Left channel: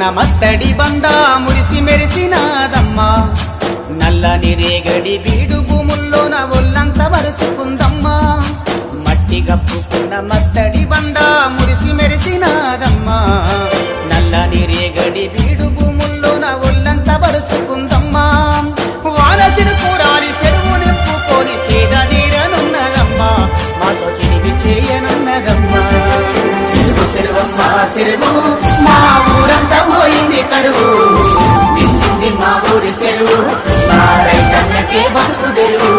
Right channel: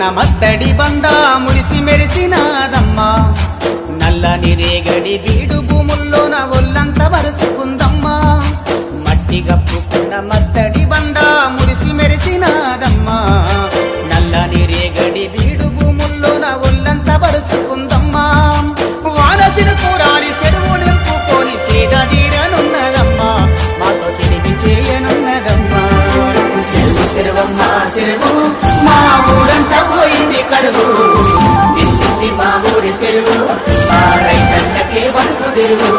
కప్పుకున్న మత్తడి బండ మురిసి మెరిసినాదమ్మా నల్లని రేగడి బీడు భూముల్లోన ఒళ్ళంతా వరుచుకుందమ్మా మట్టి కప్పుకున్న మత్తడి బండ మురిసి మెరిసినాదమ్మా నల్లని రేగడి బీడు భూముల్లోన ఒళ్ళంతా వరుచుకుందమ్మా వానసిను కూరాలి చెరువు నింపుకొని చేదీరనున్నదమ్మా మాతో చిరిమి చేయనున్నదమ్మా చెరువు చెరువమ్మా చెరువు మా ఊరంతా పోయింది కరువు నిండింది మా ఊరి చెరువు మా రైతన్నకే బతుకు తెరువు